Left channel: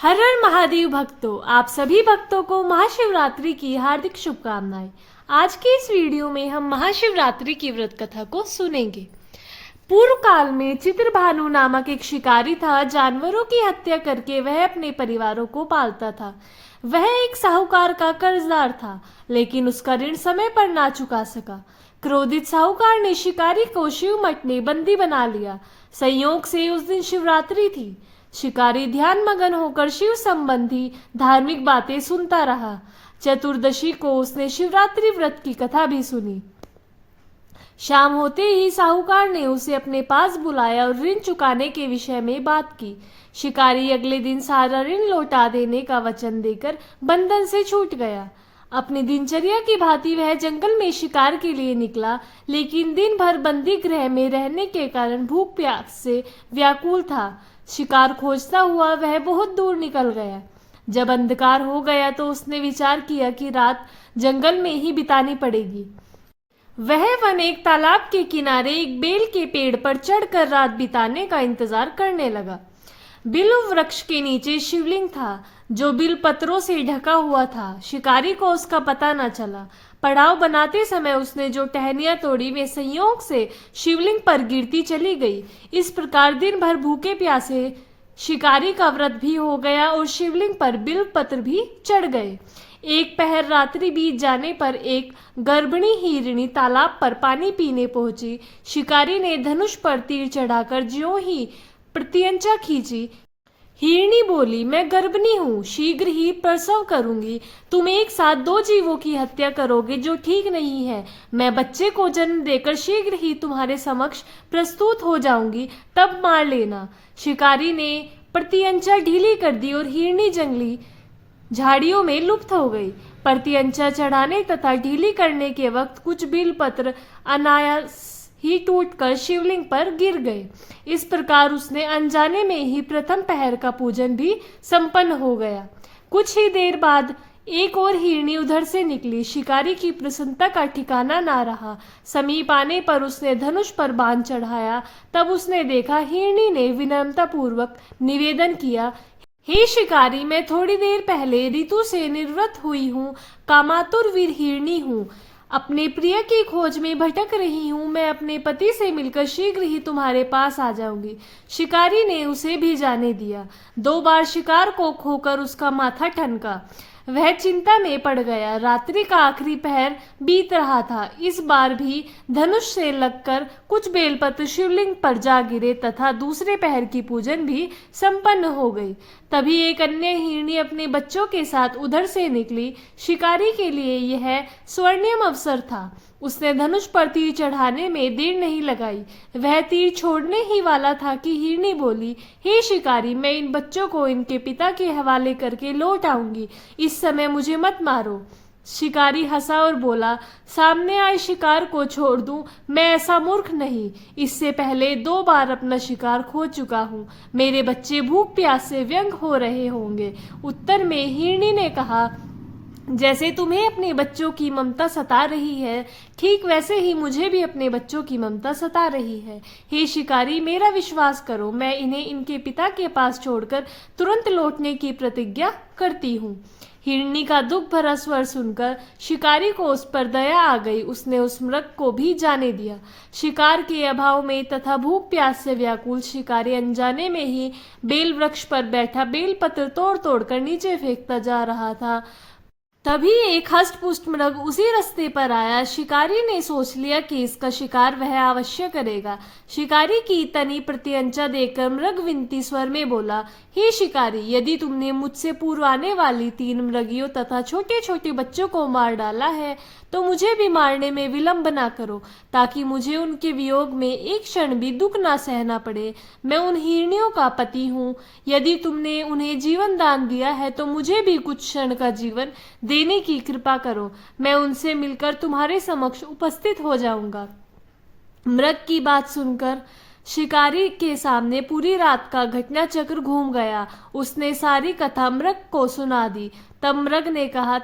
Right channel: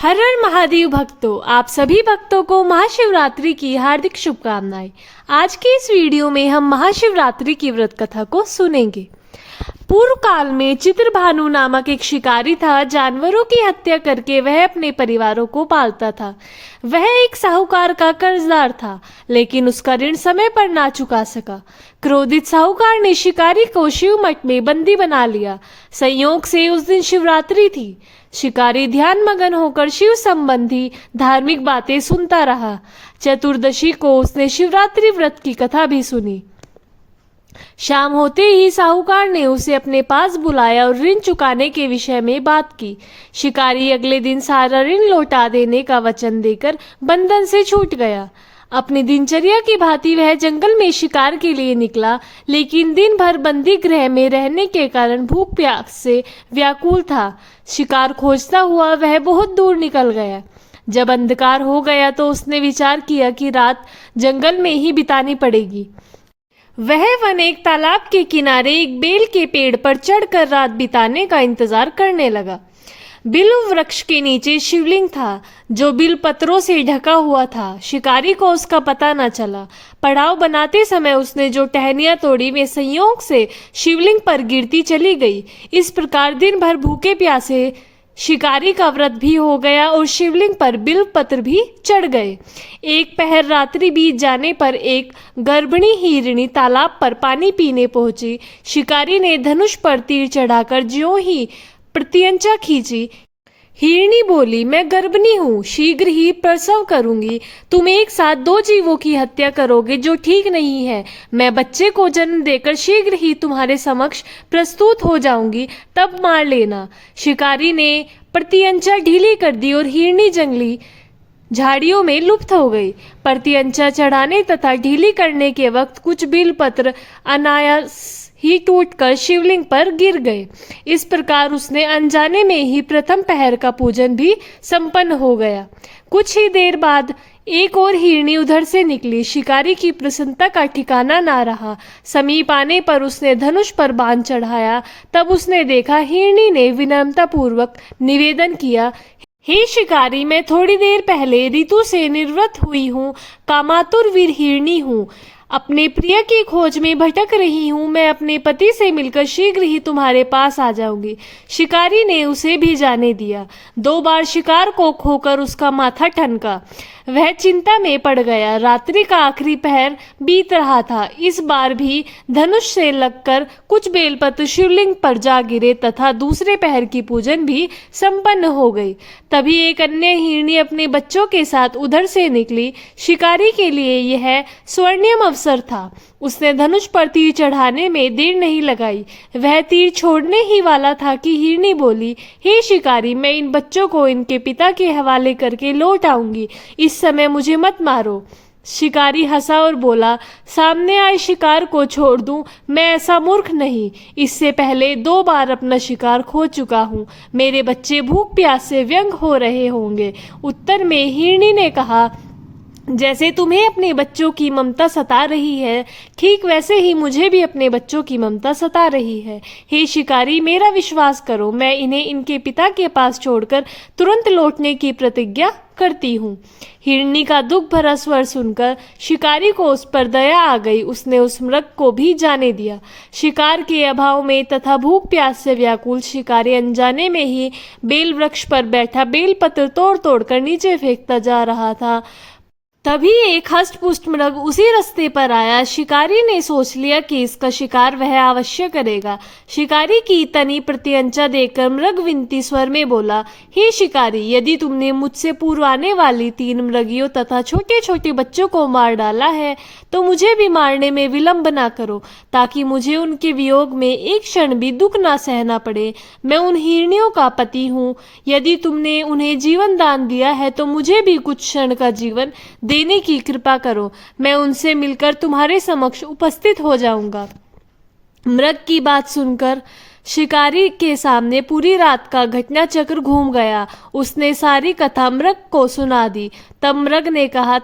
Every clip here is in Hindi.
हर हर महादेव भक्तों, आप सभी भक्तों को महाशिवरात्रि की हार्दिक शुभकामनाएं। आज के इस वीडियो में हम महाशिवरात्रि की व्रत कथा को सुनेंगे। पूर्व काल में चित्रभानु नामक एक शिकारी था। जानवरों की हत्या करके वह अपने परिवारों को पालता था। वह एक साहूकार का कर्जदार था, लेकिन उसका ऋण समय पर ना चुका सका। क्रोधित साहूकार ने शिकारी को शिव मठ में बंदी बना लिया। संयोग से उस दिन शिवरात्रि थी। शिकारी ध्यान मगन होकर शिव संबंधी धार्मिक बातें सुनता रहा। चतुर्दशी को उसने शिवरात्रि व्रत की कथा भी सुनी। शाम होते ही साहूकार ने उसे अपने पास बुलाया और ऋण चुकाने के विषय में बात की। शिकारी अगले दिन सारा ऋण लौटा देने का वचन देकर बंधन से छूट गया। अपनी दिनचर्या की भांति वह जंगल में शिकार के लिए निकला, लेकिन दिन भर बंदी गृह में रहने के कारण भूख प्यास से व्याकुल था। शिकार खोजता हुआ वह बहुत दूर निकल गया। जब अंधकार हो गया तो उसने विचार किया कि रात जंगल में ही बितानी पड़ेगी। वह वन एक तालाब के किनारे एक बेल के पेड़ पर चढ़कर रात बिताने का इंतजार करने लगा। बिल्व वृक्ष के नीचे शिवलिंग था, जो बिल पत्रों से ढका हुआ था। शिकारी को उसका पता न चला। पड़ाव बनाते समय उसने जो टहनियां तोड़ी वे संयोग से शिवलिंग पर गिरती चली गई। इस प्रकार दिन भर भूखे प्यासे शिकारी का व्रत भी हो गया और शिवलिंग पर बिल्व पत्र भी चढ़ गए। एक पहर रात्रि बीत जाने पर एक गर्भिणी हिरणी तालाब पर पानी पीने पहुंची। शिकारी ने धनुष पर तीर चढ़ाकर ज्यों ही प्रत्यंचा खींची। हिरणी बोली, मैं गर्भिणी हूँ, शीघ्र ही प्रसव करूंगी। तुम एक साथ दो जीवों की हत्या करोगे, जो ठीक नहीं है। मैं बच्चे को जन्म देकर शीघ्र ही तुम्हारे समक्ष प्रस्तुत हो जाऊंगी, तब मार लेना। शिकारी ने प्रत्यंचा ढीली कर दी और हिरणी जंगली झाड़ियों में लुप्त हो गई। प्रत्यंचा चढ़ाने तथा ढीली करने के वक्त कुछ बिलपत्र अनायास ही टूटकर शिवलिंग पर गिर गए। इस प्रकार उसने अनजाने में ही प्रथम पहर का पूजन भी संपन्न हो गया। कुछ ही देर बाद एक और हिरणी उधर से निकली। शिकारी की प्रसन्नता का ठिकाना ना रहा। समीप आने पर उसने धनुष पर बाण चढ़ाया। तब उसने देखा हिरणी ने विनम्रता पूर्वक निवेदन किया, हे शिकारी, मैं थोड़ी देर पहले ऋतु से निर्वृत हुई हूँ, कामातुर वीर हिरणी हूँ। अपने प्रिय की खोज में भटक रही हूँ। मैं अपने पति से मिलकर शीघ्र ही तुम्हारे पास आ जाऊंगी। शिकारी ने उसे भी जाने दिया। 2 बार शिकार को खोकर उसका माथा ठनका। वह चिंता में पड़ गया। रात्रि का आखिरी पहर बीत रहा था। इस बार भी धनुष से लगकर कुछ बेलपत्र शिवलिंग पर जा गिरे तथा दूसरे पहर की पूजन भी संपन्न हो गई। तभी एक अन्य हिरणी अपने बच्चों के साथ उधर से निकली। शिकारी के लिए यह स्वर्णिम अवसर था। उसने धनुष पर तीर चढ़ाने में देर नहीं लगाई। वह तीर छोड़ने ही वाला था कि हिरणी बोली, हे शिकारी, मैं इन बच्चों को इनके पिता के हवाले करके लौट आऊंगी। इस समय मुझे मत मारो। शिकारी हंसा और बोला, सामने आए शिकार को छोड़ दूं? मैं ऐसा मूर्ख नहीं। इससे पहले 2 बार अपना शिकार खो चुका हूँ। मेरे बच्चे भूख प्यास से व्यंग हो रहे होंगे। उत्तर में हिरणी ने कहा, जैसे तुम्हें अपने बच्चों की ममता सता रही है, ठीक वैसे ही मुझे भी अपने बच्चों की ममता सता रही है। हे शिकारी, मेरा विश्वास करो, मैं इन्हें इनके पिता के पास छोड़कर तुरंत लौटने की प्रतिज्ञा करती हूँ। हिरणी का दुख भरा स्वर सुनकर शिकारी को उस पर दया आ गई। उसने उस मृग को भी जाने दिया। शिकार के अभाव में तथा भूख प्यास से व्याकुल शिकारी अनजाने में ही बेल वृक्ष पर बैठा बेलपत्र तोड़ तोड़ कर नीचे फेंकता जा रहा था। तभी एक हष्टपुष्ट मृग उसी रास्ते पर आया। शिकारी ने सोच लिया कि इसका शिकार वह अवश्य करेगा। शिकारी की तनी प्रत्यंचा देखकर मृग विनती स्वर में बोला, हे शिकारी, यदि तुमने मुझसे पूर्व आने वाली 3 मृगियों तथा छोटे छोटे बच्चों को मार डाला है, तो मुझे भी मारने में विलंब ना करो, ताकि मुझे उनके वियोग में एक क्षण भी दुख ना सहना पड़े। मैं उन हिरणियों का पति हूँ। यदि तुमने उन्हें जीवन दान दिया है तो मुझे भी कुछ क्षण का जीवन देने की कृपा करो। मैं उनसे मिलकर तुम्हारे समक्ष उपस्थित हो जाऊंगा। मृग की बात सुनकर शिकारी के सामने पूरी रात का घटना चक्र घूम गया। उसने सारी कथा मृग को सुना दी। तब मृग ने कहा,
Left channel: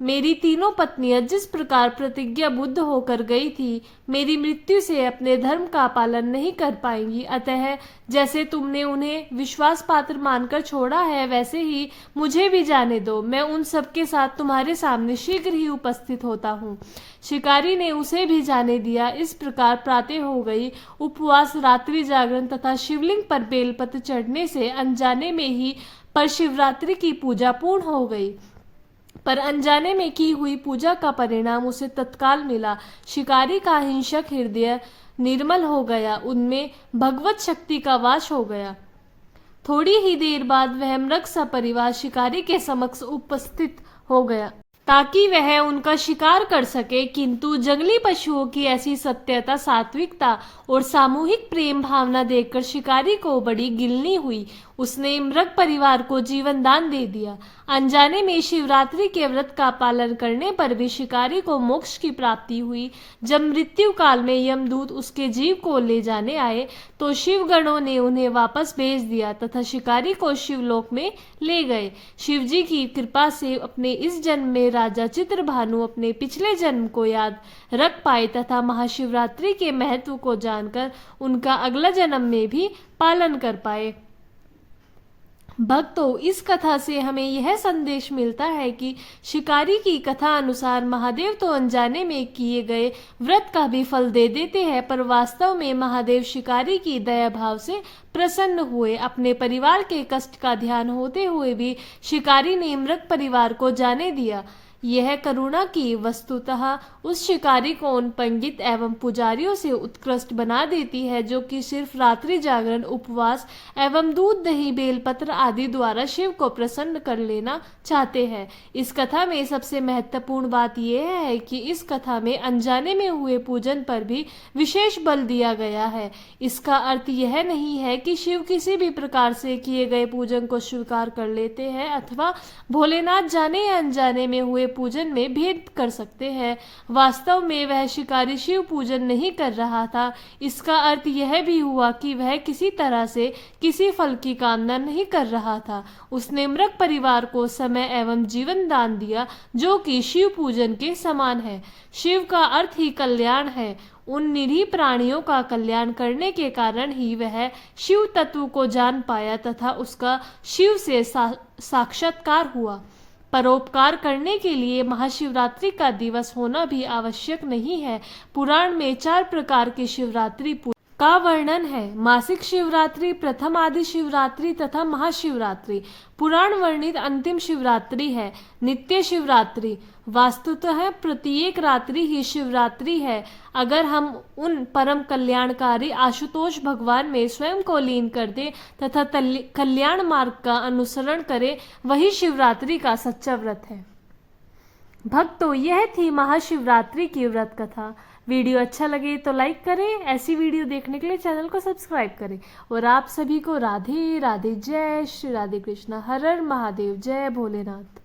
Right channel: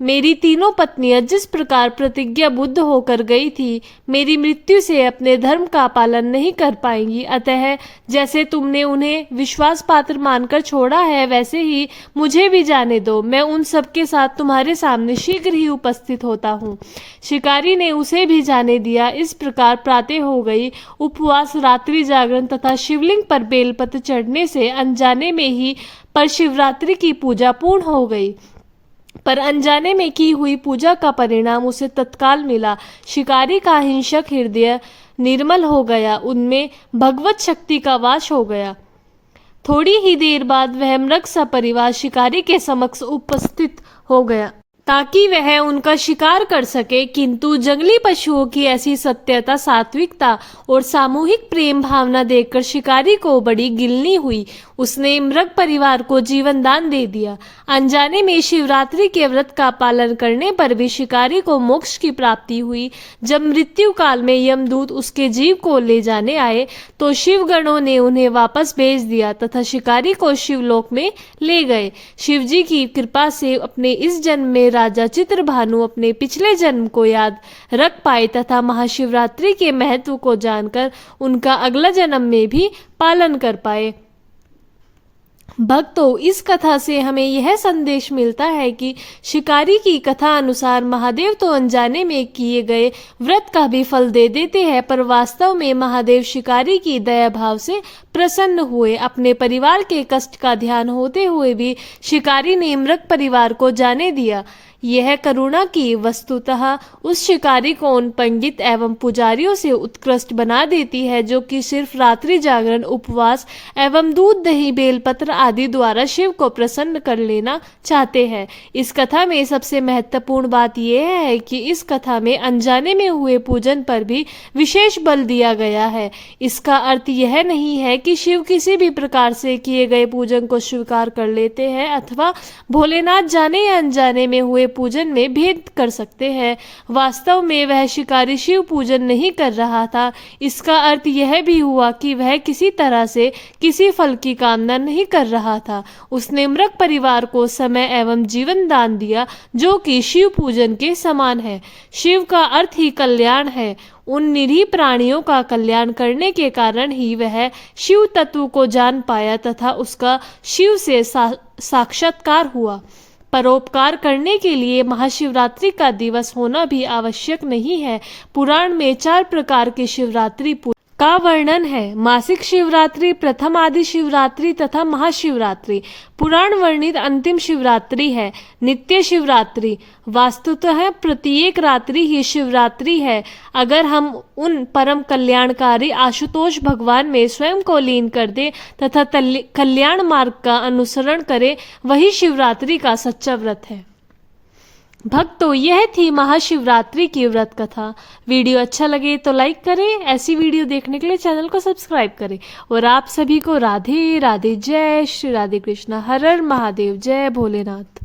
मेरी तीनों पत्नियां जिस प्रकार प्रतिज्ञा बुद्ध होकर गई थी, मेरी मृत्यु से अपने धर्म का पालन नहीं कर पाएंगी। अतः जैसे तुमने उन्हें विश्वास पात्र मानकर छोड़ा है, वैसे ही मुझे भी जाने दो। मैं उन सबके साथ तुम्हारे सामने शीघ्र ही उपस्थित होता हूँ। शिकारी ने उसे भी जाने दिया। इस प्रकार प्रातः हो गई। उपवास, रात्रि जागरण तथा शिवलिंग पर बेलपत्र चढ़ने से अनजाने में ही पर शिवरात्रि की पूजा पूर्ण हो गई। पर अनजाने में की हुई पूजा का परिणाम उसे तत्काल मिला। शिकारी का हिंसक हृदय निर्मल हो गया, उनमें भगवत शक्ति का वास हो गया। थोड़ी ही देर बाद वह मृग सपरिवार शिकारी के समक्ष उपस्थित हो गया ताकि वह उनका शिकार कर सके, किंतु जंगली पशुओं की ऐसी सत्यता, सात्विकता और सामूहिक प्रेम भावना देखकर शिकारी को बड़ी गिलनी हुई। उसने मृग परिवार को जीवन दान दे दिया। अनजाने में शिवरात्रि के व्रत का पालन करने पर भी शिकारी को मोक्ष की प्राप्ति हुई। जब मृत्यु काल में यमदूत उसके जीव को ले जाने आए तो शिवगणों ने उन्हें वापस भेज दिया तथा शिकारी को शिवलोक में ले गए। शिवजी की कृपा से अपने इस जन्म में राजा चित्रभानु अपने पिछले जन्म को याद रख पाए तथा महाशिवरात्रि के महत्व को जानकर उनका अगला जन्म में भी पालन कर पाए। भक्तों, इस कथा से हमें यह संदेश मिलता है कि शिकारी की कथा अनुसार महादेव तो अनजाने में किए गए व्रत का भी फल दे देते हैं, पर वास्तव में महादेव शिकारी की दया भाव से प्रसन्न हुए। अपने परिवार के कष्ट का ध्यान होते हुए भी शिकारी ने मृग परिवार को जाने दिया। यह करुणा की वस्तुतः उस शिकारी को उन पंडित एवं पुजारियों से उत्कृष्ट बना देती है जो कि सिर्फ रात्रि जागरण, उपवास एवं दूध, दही, बेलपत्र आदि द्वारा शिव को प्रसन्न कर लेना चाहते हैं। इस कथा में सबसे महत्वपूर्ण बात यह है कि इस कथा में अनजाने में हुए पूजन पर भी विशेष बल दिया गया है। इसका अर्थ यह नहीं है कि शिव किसी भी प्रकार से किए गए पूजन को स्वीकार कर लेते हैं अथवा भोलेनाथ जाने या अनजाने में हुए पूजन में भेद कर सकते हैं। वास्तव में वह शिकारी शिव पूजन नहीं कर रहा था। इसका अर्थ यह भी हुआ कि वह किसी तरह से किसी फल की कामना नहीं कर रहा था। उसने मृग परिवार को समय एवं जीवन दान दिया, जो कि शिव पूजन के समान है। शिव का अर्थ ही कल्याण है। उन निरीह प्राणियों का कल्याण करने के कारण ही वह शिव तत्व को जान पाया तथा उसका शिव से साक्षात्कार हुआ। परोपकार करने के लिए महाशिवरात्रि का दिवस होना भी आवश्यक नहीं है। पुराण में 4 प्रकार की शिवरात्रि का वर्णन है। मासिक शिवरात्रि, प्रथम आदि शिवरात्रि तथा महाशिवरात्रि। पुराण वर्णित अंतिम शिवरात्रि है नित्य शिवरात्रि। वास्तुतः प्रत्येक रात्रि ही शिवरात्रि है। अगर हम उन परम कल्याणकारी आशुतोष भगवान में स्वयं को लीन कर दें तथा कल्याण मार्ग का अनुसरण करें, वही शिवरात्रि का सच्चा व्रत है। भक्तों, यह थी महाशिवरात्रि की व्रत कथा। वीडियो अच्छा लगे तो लाइक करें। ऐसी वीडियो देखने के लिए चैनल को सब्सक्राइब करें। और आप सभी को राधे राधे। जय श्री राधे कृष्णा। हर हर महादेव। जय भोलेनाथ।